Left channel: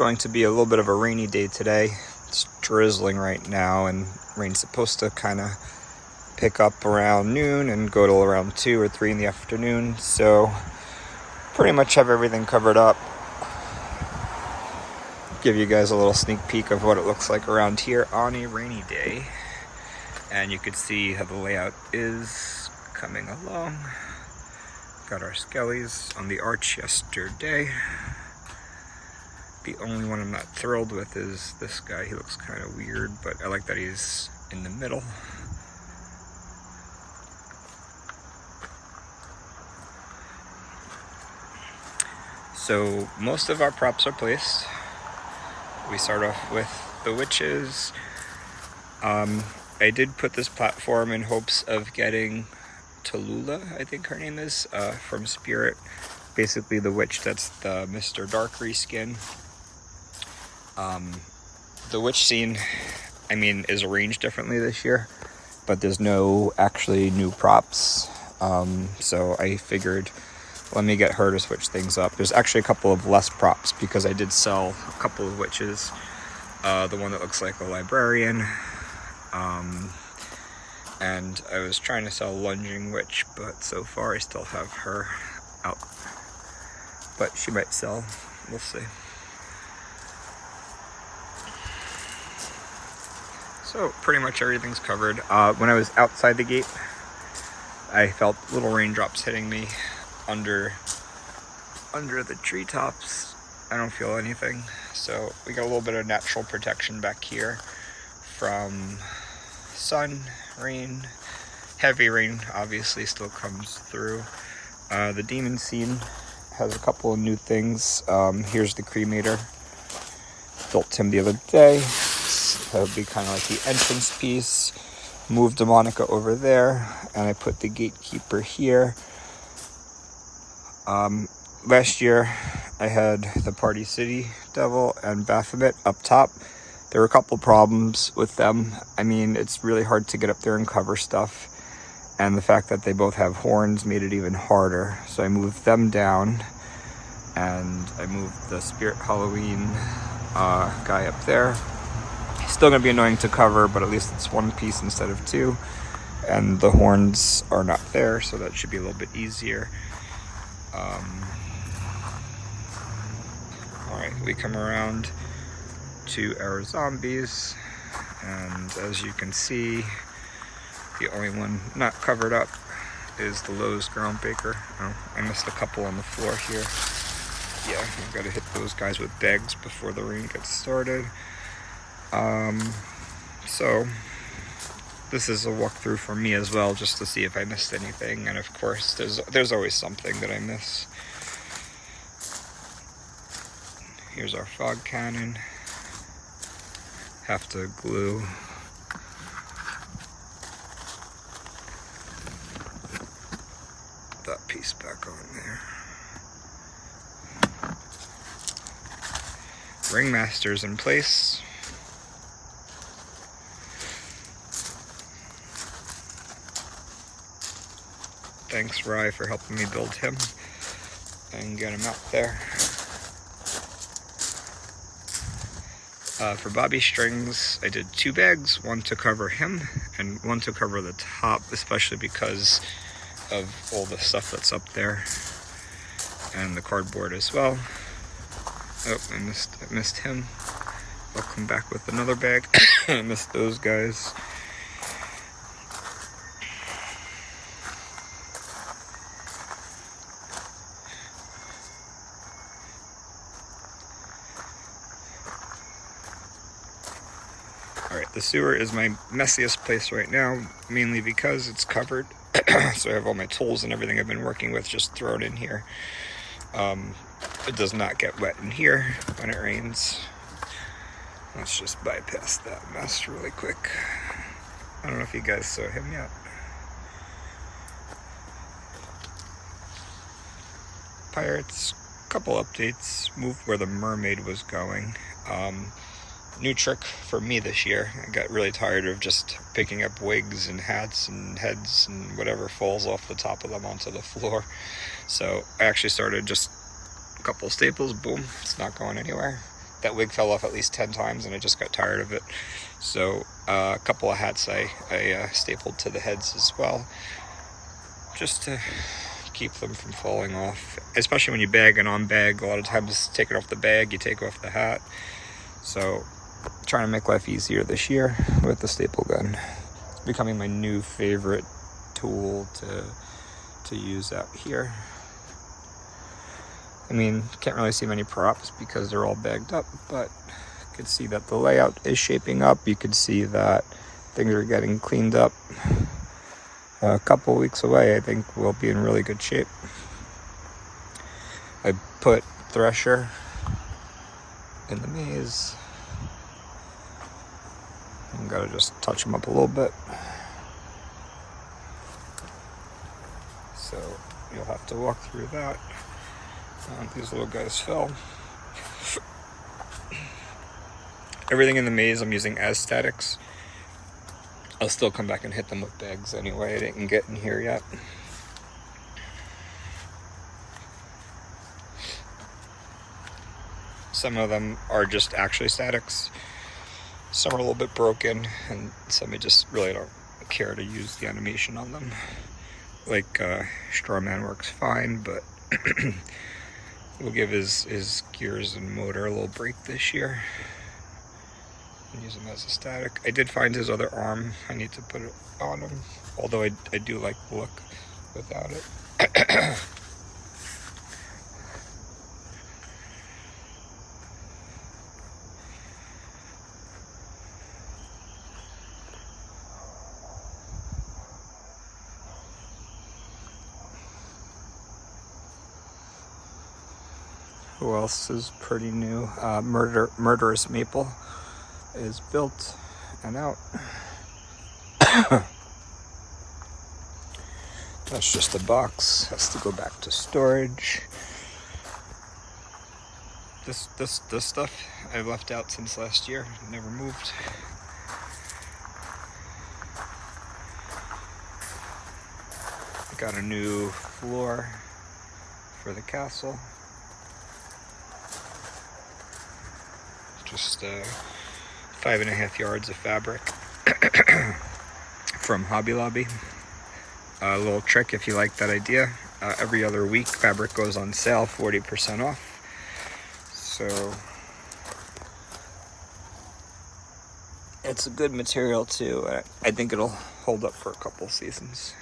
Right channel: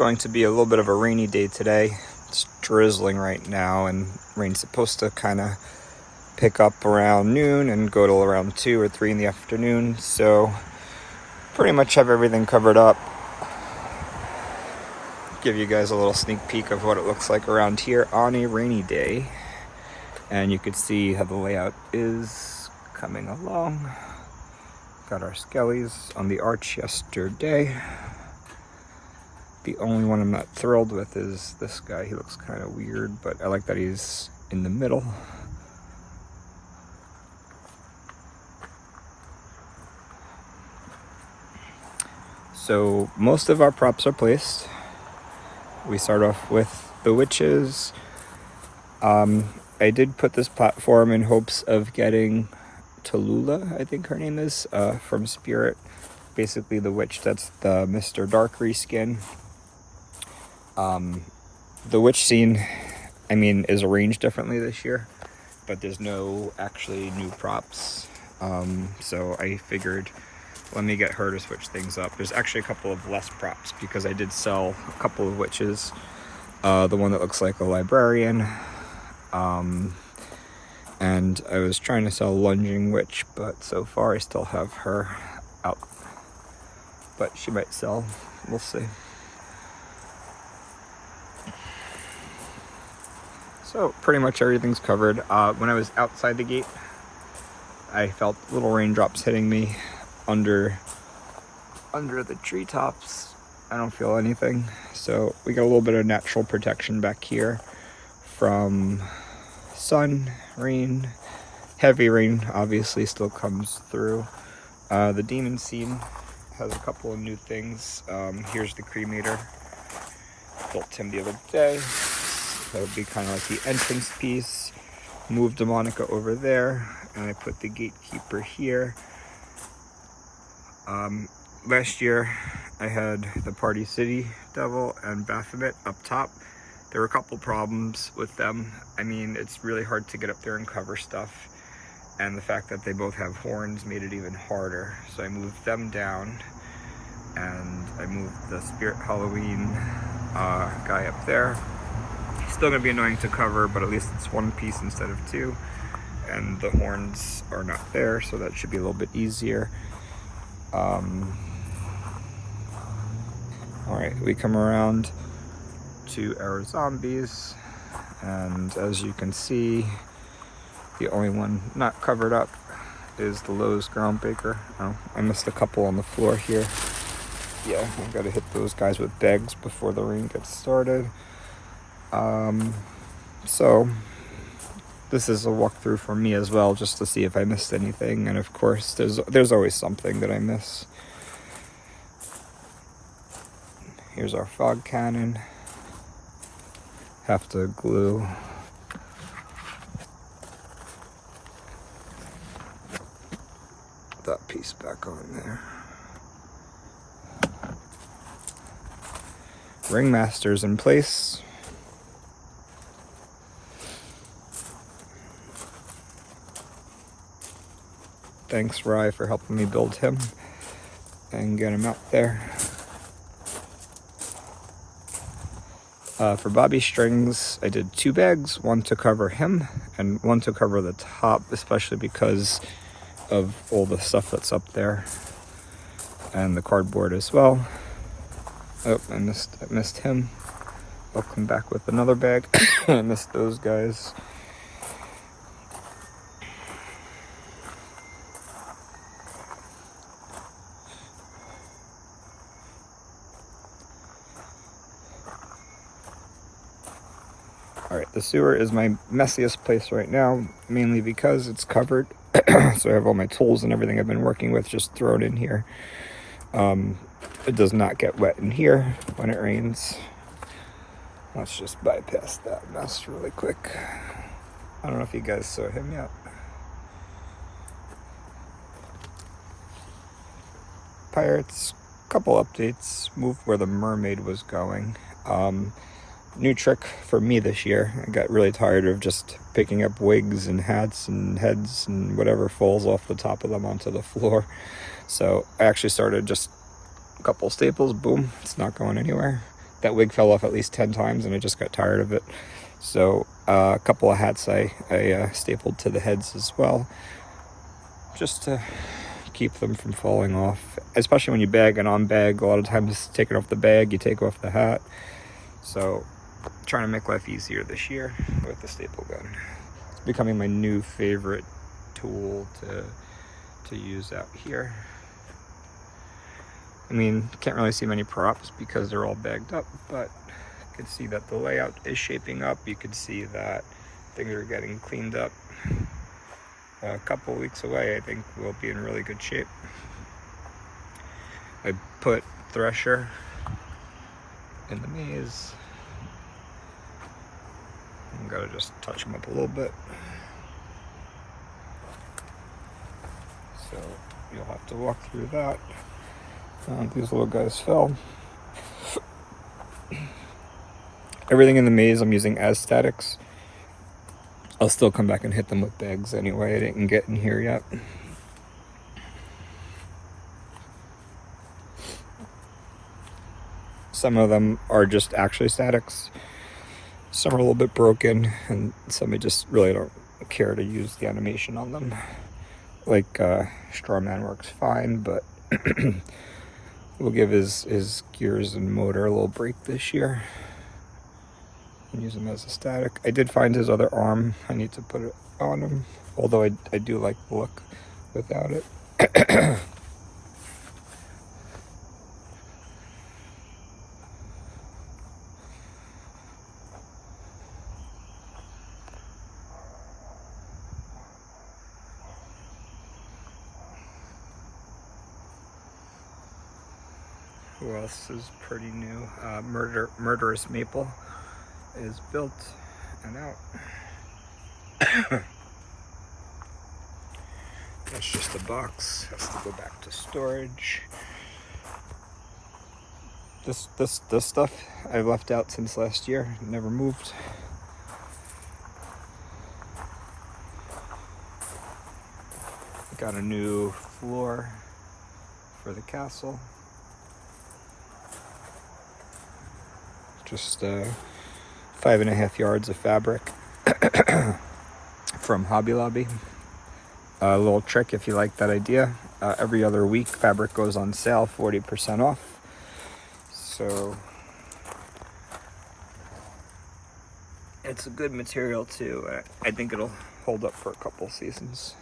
going to be a little bit of a rainy day today. It's drizzling right now, and rain's supposed to kind of pick up around noon and go till around 2 or 3 in the afternoon. So pretty much have everything covered up. Give you guys a little sneak peek of what it looks like around here on a rainy day. And you could see how the layout is coming along. Got our skellies on the arch yesterday. The only one I'm not thrilled with is this guy. He looks kind of weird, but I like that he's in the middle. So most of our props are placed. We start off with the witches. I did put this platform in hopes of getting Tallulah, I think her name is, from Spirit. Basically the witch that's the Mr. Dark reskin. The witch scene, I mean, is arranged differently this year, but there's no actually new props. So I figured, let me get her to switch things up. There's actually a couple of less props because I did sell a couple of witches. The one that looks like a librarian. And I was trying to sell Lunging Witch, but so far I still have her out. But she might sell, we'll see. So pretty much everything's covered. When I was outside the gate, I felt little raindrops hitting me under the treetops. I don't feel anything. So we got a little bit of natural protection back here from sun, rain. Heavy rain obviously still comes through. The demon scene has a couple of new things. Here's the cremator. Built him the other day. That would be kind of like the entrance piece. Moved the Monica over there, and I put the gatekeeper here. Last year I had the Party City Devil and Baphomet up top. There were a couple problems with them. I mean, it's really hard to get up there and cover stuff. And the fact that they both have horns made it even harder. So I moved them down. And I moved the Spirit Halloween guy up there. Still gonna be annoying to cover, but at least it's one piece instead of two. And the horns are not there, so that should be a little bit easier. Alright, we come around to our zombies, and as you can see, the only one not covered up is the Lowe's Groundbreaker. Oh, I missed a couple on the floor here. Yeah, I've got to hit those guys with bags before the rain gets started. So this is a walkthrough for me as well, just to see if I missed anything, and of course there's always something that I miss. Here's our fog cannon. Have to glue that piece back on there. Ringmaster's in place. Thanks, Rye, for helping me build him and get him up there. For Bobby Strings, I did 2 bags, one to cover him and one to cover the top, especially because of all the stuff that's up there, and the cardboard as well. Oh, I missed him. I'll come back with another bag. I missed those guys. Alright, the sewer is my messiest place right now, mainly because it's covered. So I have all my tools and everything I've been working with just thrown in here. It does not get wet in here when it rains. Let's just bypass that mess really quick. I don't know if you guys saw him yet. Pirates, couple updates. Moved where the mermaid was going. New trick for me this year. I got really tired of just picking up wigs and hats and heads and whatever falls off the top of them onto the floor. So I actually started just a couple staples, boom, it's not going anywhere. that wig fell off at least 10 times, and I just got tired of it. So a couple of hats I stapled to the heads as well, just to keep them from falling off. Especially when you bag and on bag, a lot of times taking off the bag, you take off the hat. So trying to make life easier this year with the staple gun. It's becoming my new favorite tool to use out here. I mean, can't really see many props because they're all bagged up, but you can see that the layout is shaping up. You can see that things are getting cleaned up. A couple weeks away, I think we'll be in really good shape. I put Thresher in the maze. I'm gonna just touch them up a little bit. So you'll have to walk through that. These little guys fell. Everything in the maze I'm using as statics. I'll still come back and hit them with bags anyway. I didn't get in here yet. Some of them are just actually statics. Some are a little bit broken, and some I just really don't care to use the animation on them. Like Strawman works fine, but we'll give his gears and motor a little break this year and use him as a static. I did find his other arm. I need to put it on him, although I do like the look without it. Who else is pretty new? Murderous Maple is built and out. That's just a box. Has to go back to storage. This stuff I left out since last year. Never moved. Got a new floor for the castle. Just 5.5 yards of fabric from Hobby Lobby. A little trick if you like that idea. Every other week fabric goes on sale, 40% off. So it's a good material too. I think it'll hold up for a couple seasons.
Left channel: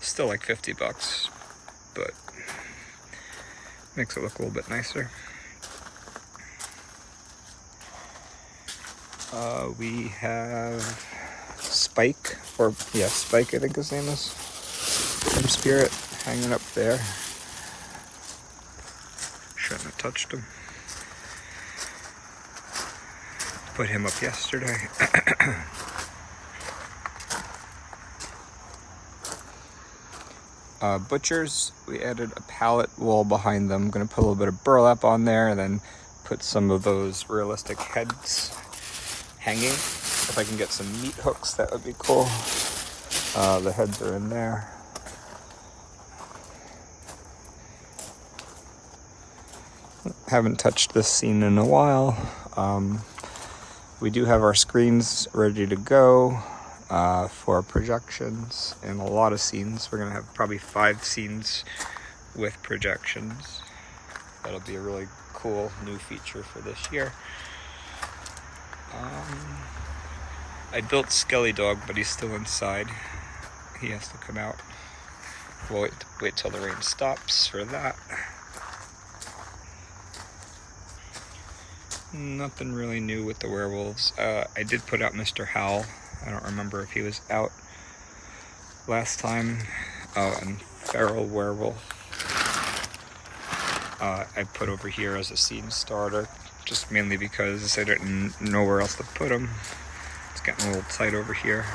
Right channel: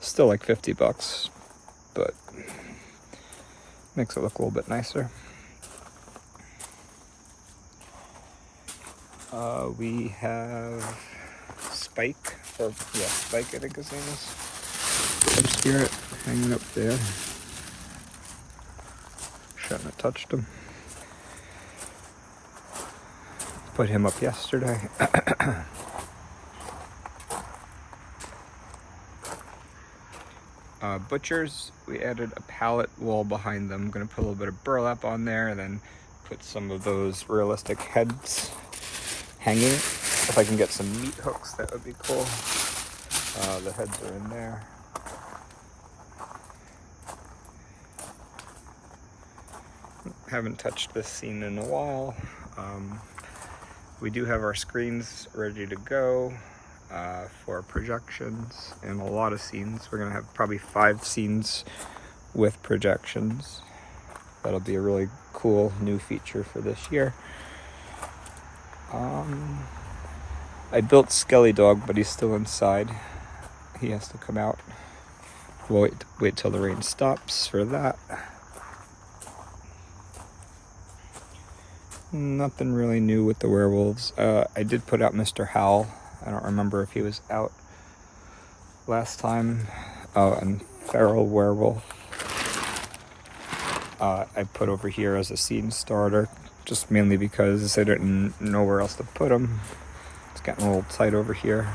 Still like $50, but makes it look a little bit nicer. We have Spike, Spike I think his name is. Air Spirit hanging up there. Shouldn't have touched him. Put him up yesterday. Butchers, we added a pallet wall behind them. I'm going to put a little bit of burlap on there and then put some of those realistic heads hanging. If I can get some meat hooks, that would be cool. The heads are in there. Haven't touched this scene in a while. We do have our screens ready to go for projections and a lot of scenes. We're gonna have probably 5 scenes with projections. That'll be a really cool new feature for this year. I built Skelly Dog, but he's still inside. He has to come out. We'll wait till the rain stops for that. Nothing really new with the werewolves. I did put out Mr. Howell. I don't remember if he was out last time. Oh, and Feral Werewolf. I put over here as a scene starter, just mainly because I didn't know where else to put him. It's getting a little tight over here.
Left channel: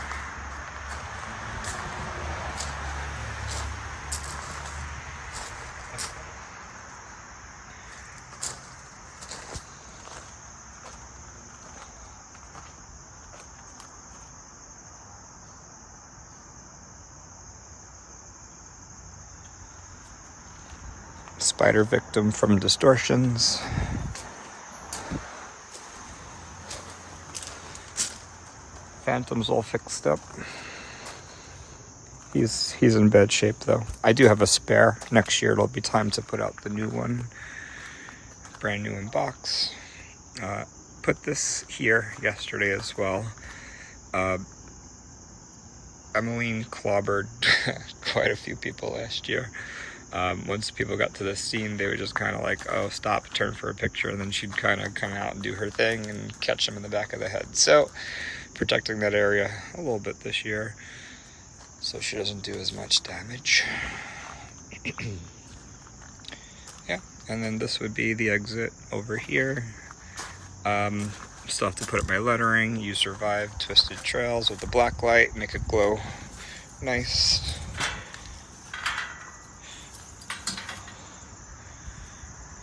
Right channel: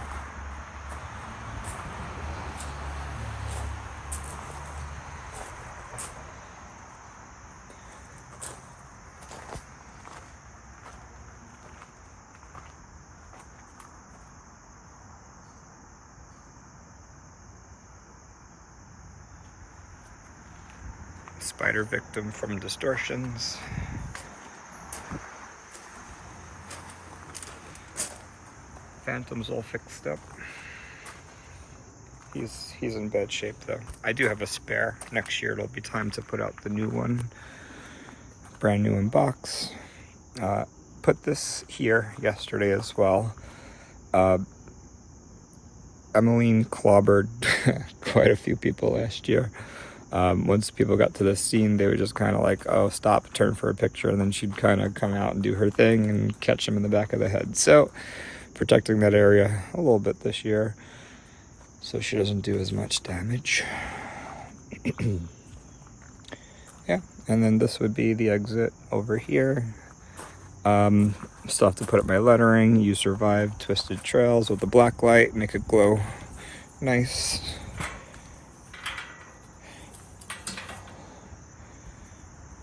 Spider Victim from Distortions. Phantom's all fixed up. He's in bad shape though. I do have a spare. Next year it'll be time to put out the new one. Brand new in box. Put this here yesterday as well. Emmeline clobbered quite a few people last year. Once people got to the scene, they were just kind of like, oh, stop, turn for a picture, and then she'd kind of come out and do her thing and catch them in the back of the head. So protecting that area a little bit this year so she doesn't do as much damage. Yeah, and then this would be the exit over here. Still have to put up my lettering. You survived Twisted Trails with the black light, make it glow nice.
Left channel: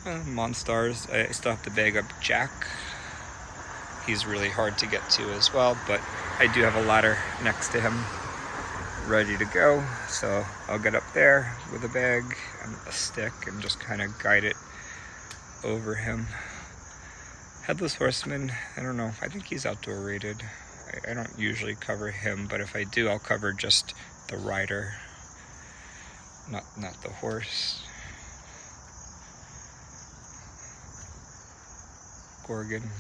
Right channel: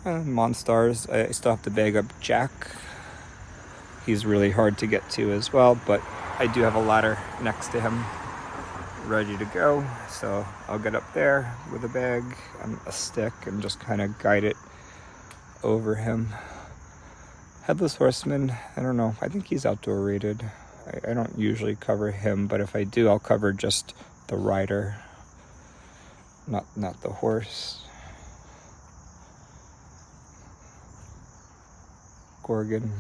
Monstars, I still have to bag up Jack. He's really hard to get to as well, but I do have a ladder next to him ready to go, so I'll get up there with a bag and a stick and just kind of guide it over him. Headless Horseman, I don't know, I think he's outdoor rated. I don't usually cover him, but if I do, I'll cover just the rider, not the horse. Gorgon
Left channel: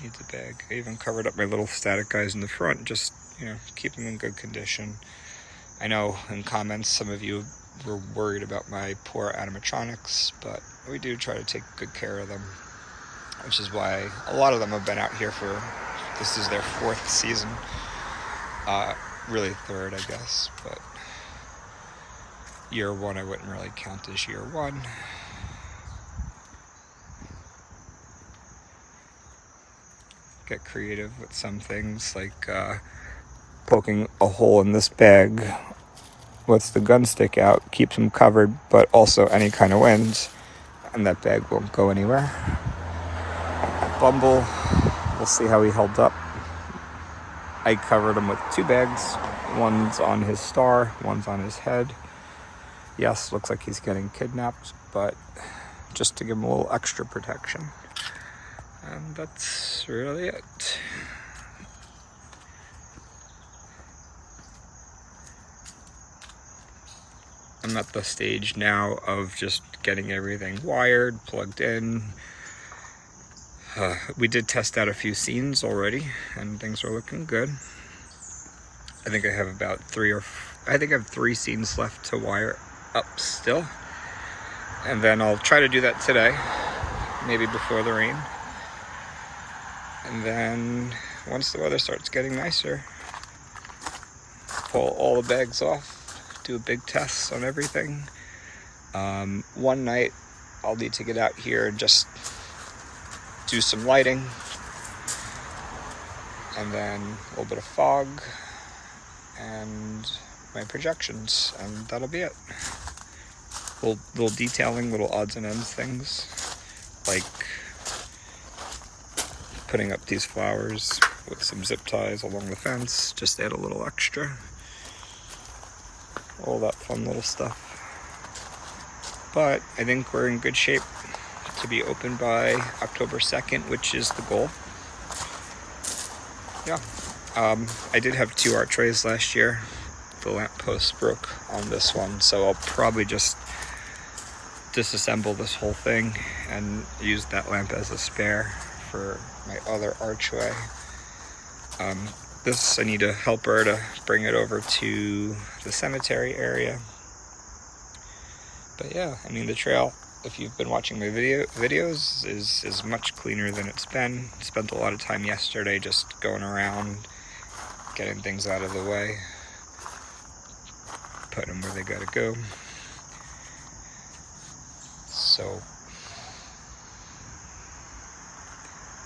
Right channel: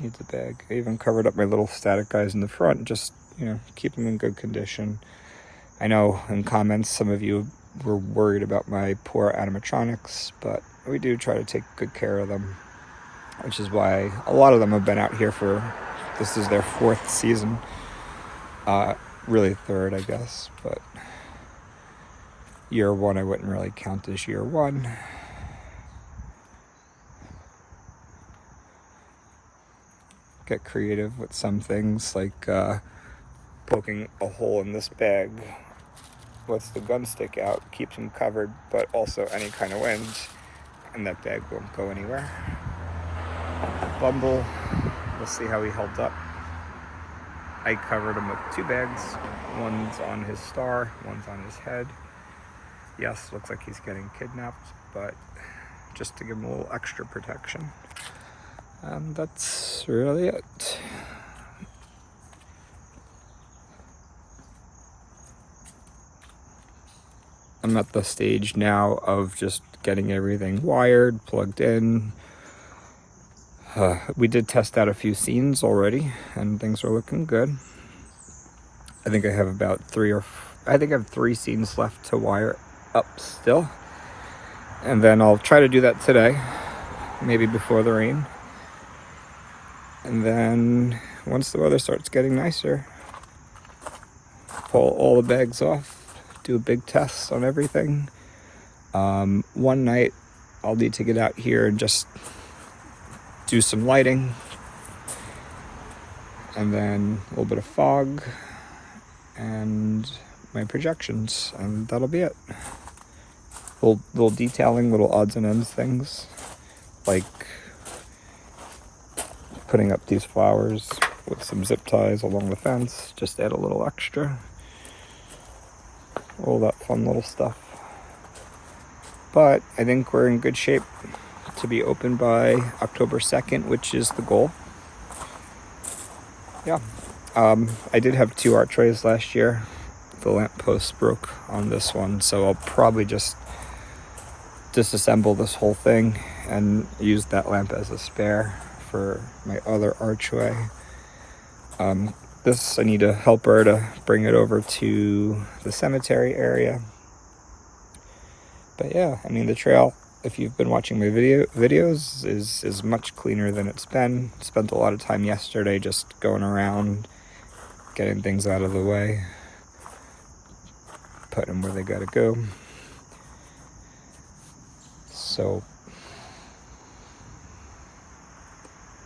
needs a bag. I even covered up my little static guys in the front, just, you know, keep them in good condition. I know in comments some of you were worried about my poor animatronics, but we do try to take good care of them, which is why a lot of them have been out here for, this is their 4th season. Really 3rd, I guess, but year 1 I wouldn't really count as year 1. Get creative with some things, like poking a hole in this bag lets the gun stick out, keeps them covered, but also any kind of wind, and that bag won't go anywhere. Bumble, we'll see how he held up. I covered him with 2 bags. One's on his star, one's on his head. Yes, looks like he's getting kidnapped, but just to give him a little extra protection. And that's really it. I'm at the stage now of just getting everything wired, plugged in. We did test out a few scenes already, and things are looking good. I think I have about 3 scenes left to wire up still. And then I'll try to do that today, maybe before the rain. And then once the weather starts getting nicer, pull all the bags off, do a big test on everything. One night I'll need to get out here and just do some lighting, and then a little bit of fog and my projections, and that'll be it. Little detailing, little odds and ends things, like putting up these flowers with some zip ties along the fence, just add a little extra. All that fun little stuff. But I think we're in good shape to be open by October 2nd, which is the goal. Yeah. I did have 2 archways last year. The lamp post broke on this one, so I'll probably just disassemble this whole thing and use that lamp as a spare for my other archway. This, I need a helper to bring it over to the cemetery area. But yeah, I mean, the trail, if you've been watching my videos, is much cleaner than it's been. Spent a lot of time yesterday just going around, getting things out of the way, putting them where they gotta go. So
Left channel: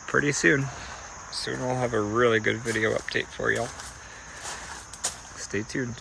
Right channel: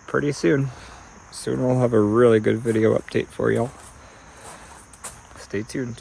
pretty soon we'll have a really good video update for y'all. Stay tuned.